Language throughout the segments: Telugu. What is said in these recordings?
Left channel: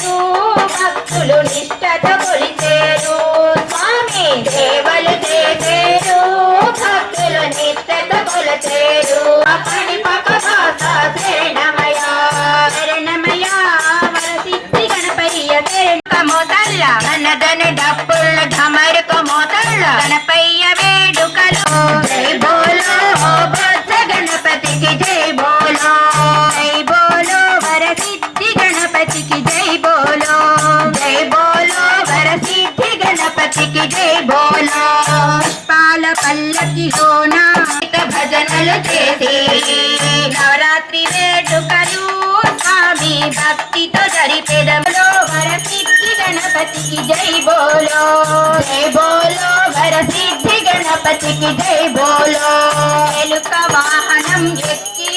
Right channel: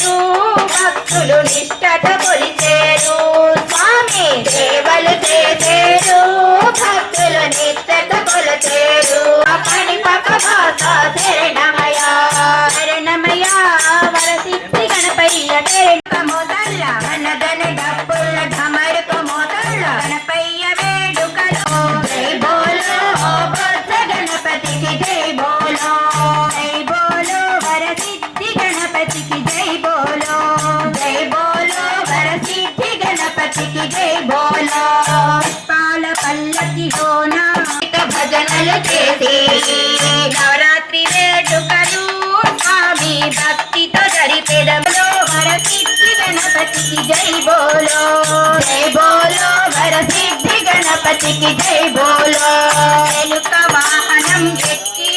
కొలిచేరు భక్తులు నిష్టతో కొలిచేరు స్వామి సేవలు చేసేరు భక్తులు నిష్టతో కొలిచేరు పని పక్క భాష శరణమయ శరణమయ వరసిద్ధి గణపయ్య మోతల్ల ధన డప్పుల ఢమరుక మోతల్ల గణపయ్య వేడుకలో జై బోలో బొజ్జ గణపతికి జై బోలో వరసిద్ధి గణపతికి జై బోలో వరసిద్ధి గణపతికి జై బోలో పుష్పాల పల్లకి హోనా భజనలు చేసి నవరాత్రి వేడుకలు స్వామి భక్తితో జరిపెదములో వరసిద్ధి గణపతికి జై బోలో వరసిద్ధి గణపతికి జై బోలో ఎలుక వాహనం ఎక్కి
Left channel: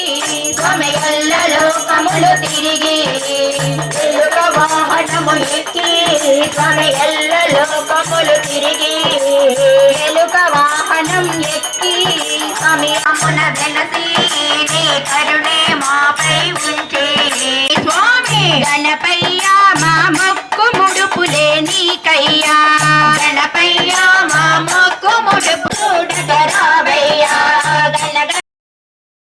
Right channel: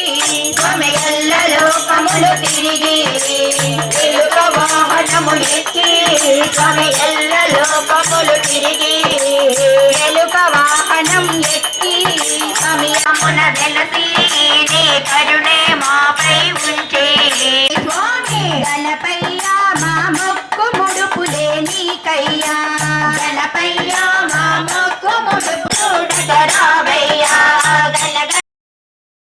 స్వామియల్ల లోకములు తిరిగి ఎలుక వాహనము ఎక్కి స్వామియల్ల లోకములు తిరిగి ఎలుక వాహనం ఎక్కి స్వామి అమ్మున వెలసి నీ కరుణ